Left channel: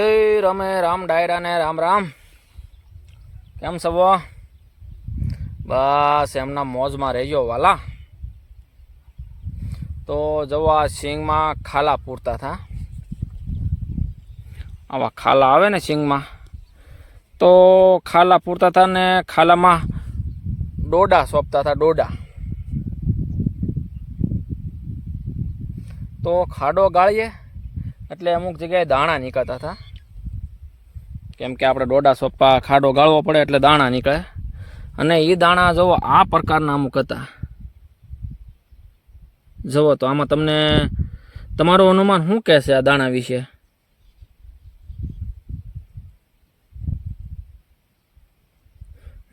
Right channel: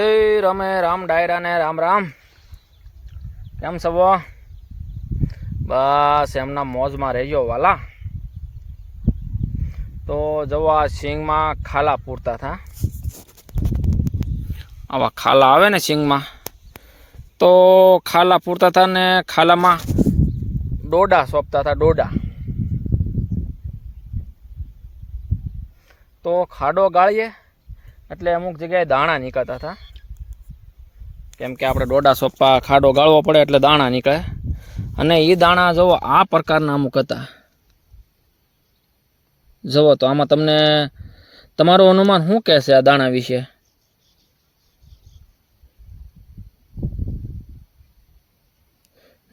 હે રમે રામ ડાયરા ને રામ રામ. કેમ સવો બસ, એમના મોજમાં રહેજો વાલા. તો જવો સિંગમાં ખાલા પૂરતા હતા આવા ખાલા આવે ને સિંગમાં તો ખાલા પૂરતા હતા ને ખાલામાં ડોડા સોંપતા હતા ડોડા. તો ખાડો ગાળીએ, એટલે અમુક જગ્યાએ દાણા નીકળતા હતા કેમ કે આપણે ડોડા સોપા ખાડો ગાળવો પડે એટલે દાણા નીકળે. અને એ દાણા જુઓ, આ પ્રકારના અમુક હતા. જુઓ તો આમાં તમને તમારું અનુમાન શું કહેશે આ દાણા વિશે?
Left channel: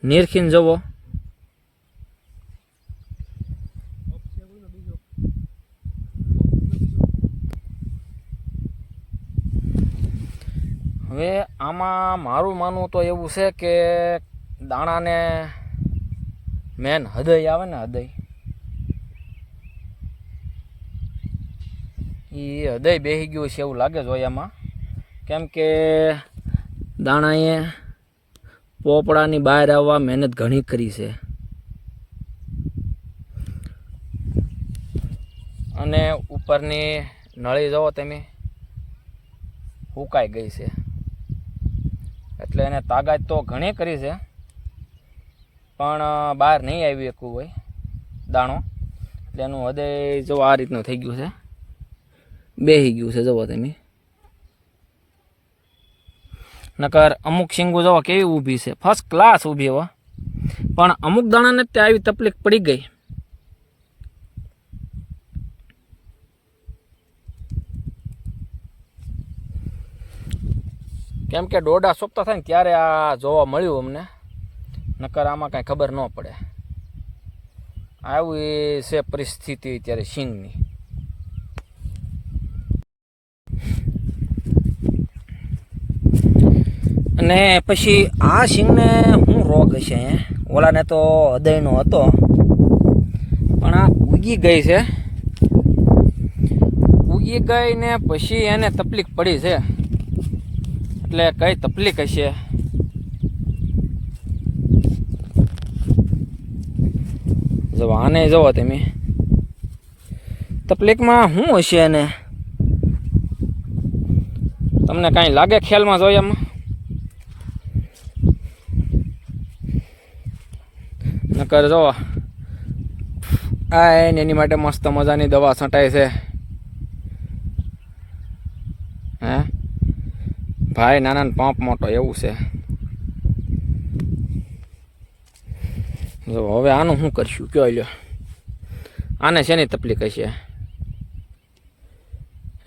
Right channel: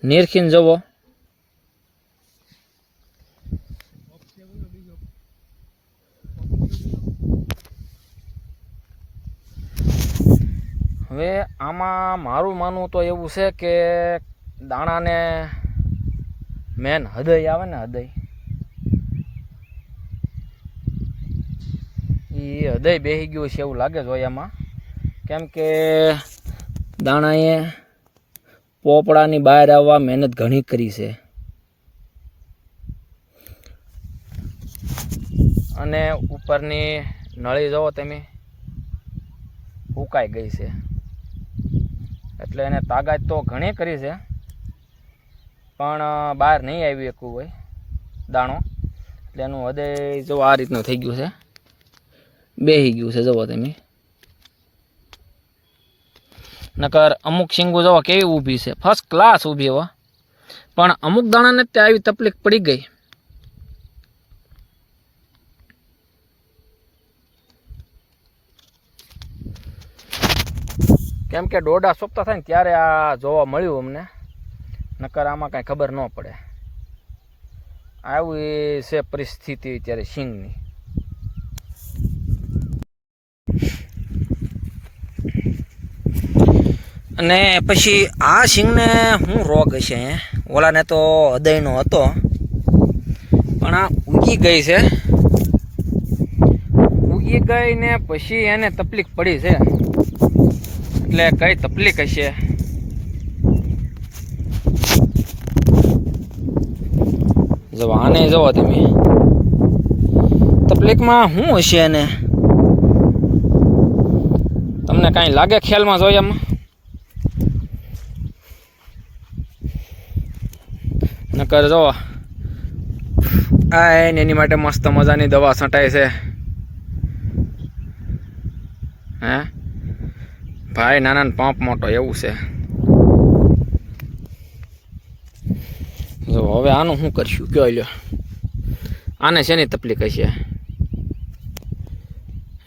નિરખીને જુઓ. હવે આમાં મારું માનવું તો એવું છે કે દાણાને મેન હૃદય આવે ને હૃદય. એ હૃદય બેસી ગયું છે એવું લાગે જોયામાં કેમ કે દાણાએ પોપડાની બહાર આવવા મહેનત ઘણી કરી છે. અને ઉપરની નળી જુઓ તમે, હુકાઈ ગઈ છે. એટલે એને તાકાત તો ઘણી કરી છે. પણ બહાર નહીં આવી શકવું હોય, દાણો. એટલે એનું હૃદય જો આ રીતનું થઈ ગયું છે. બેહી ગયું છે, જુઓ તમે. નકર અમુક શીંગો જુઓ કેવી ઊભી છે. ફર્સ્ટ ક્લાસ ઊભી હો. પણ અમુક દાણાને ત્યાં આવી તકલીફ પડી ગઈ. કેમ કે ડોડા સોંપતા થાય ને ત્યારે આ જોવા મળ્યું અમને. નકર આમાં કાંઈ ખબર ન પડે. આવી છે પરિસ્થિતિ અત્યારે સિંગની અને પછી આ સિંગને શું રોગ હશે, હે? ઓલાને તો હૃદયનો હતો. પણ આ ઉગી ગઈ છે. ઉગી ગઈ ને પછી એને તકલીફ પડી છે. એટલે કઈ તકલીફ હશે? જો આને જુઓ તમે. તકલીફમાં શું હશે એને? તમને કાંઈ લાગે ખ્યાલમાં જોઈએ એમાં? નકર જો, આ એની માટે મસ્ત મજાની દવા છંટાય છે. હે? ભાઈ નાના પંપ મોટો એવું છે. જો હવે આનું શું કરશું? કયો લ્યો? આને શેની તકલીફ હશે?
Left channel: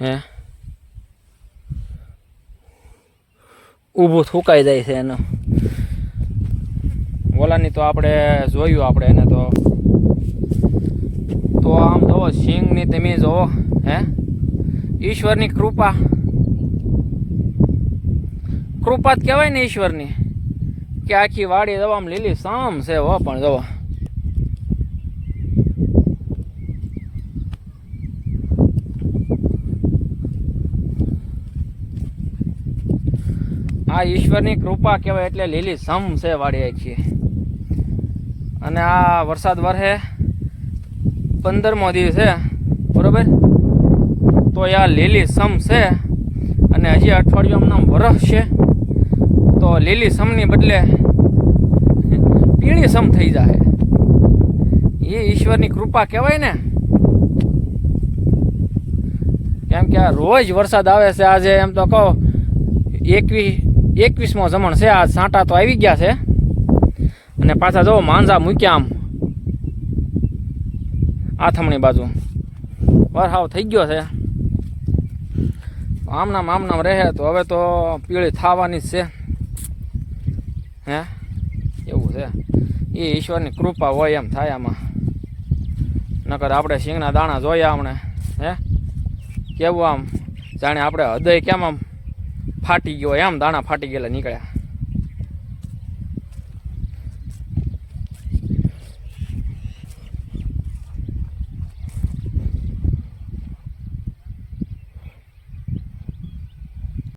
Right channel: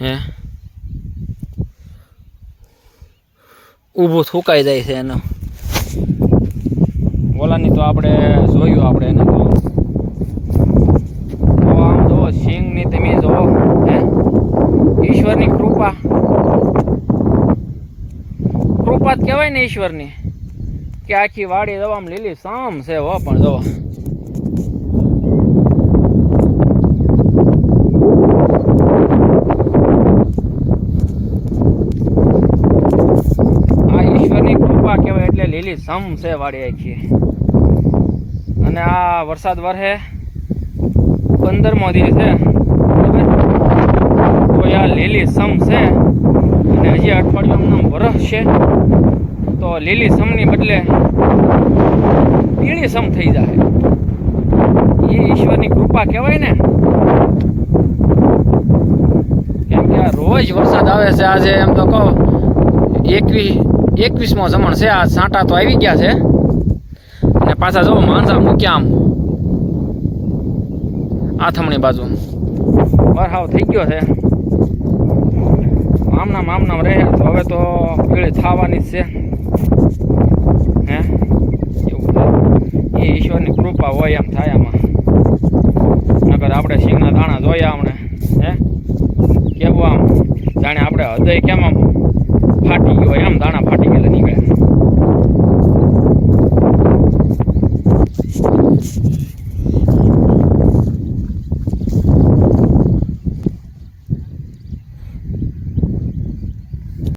હે? ઊભું થૂકાઈ જાય છે એનું. ઓલાની તો આપણે જોયું આપણે એને તો. તો આમ તો સિંગની તમે જો, હે? ઈશ્વરની કૃપા. કૃપા જ કહેવાય ને ઈશ્વરની, કે આખી વાડી દવામાં લીલી સામ છે વા પણ દવા આ ઈશ્વરની કૃપા કહેવાય એટલે લીલી સમ છે વાડી આખી. અને આ વરસાદ વરહે પંદરમો દિવસ છે, બરોબર? તો આ લીલી સમ છે. અને હજી અઠવાડિયું આમ વરસ છે, તો લીલી સમની બદલે પીળી સમ થઈ જાય એ ઈશ્વરની કૃપા કહેવાય ને. કેમ કે આ રોજ વરસાદ આવે છે આજે, એમ તો કહો એકવીસ એકવીસમો જમણ છે, આ સાંટા તો આવી ગયા છે. અને પાછા જો માંજા મૂક્યા આમ, આથમણી બાજુ. વરહાવ થઈ ગયો છે. આમનામ આમનામ રહે, તો હવે તો પીળી થવાની જ છે. હે? એવું છે. એ ઈશ્વરની કૃપા હોય એમ થાય આમાં. નકર આપણે સિંગના દાણા જોયા હમણે હે? કેવું આમ? જાણે આપણે હૃદય કેમ આમ ફાટી ગયો એમ દાણા ફાટી ગયેલા નીકળ્યા.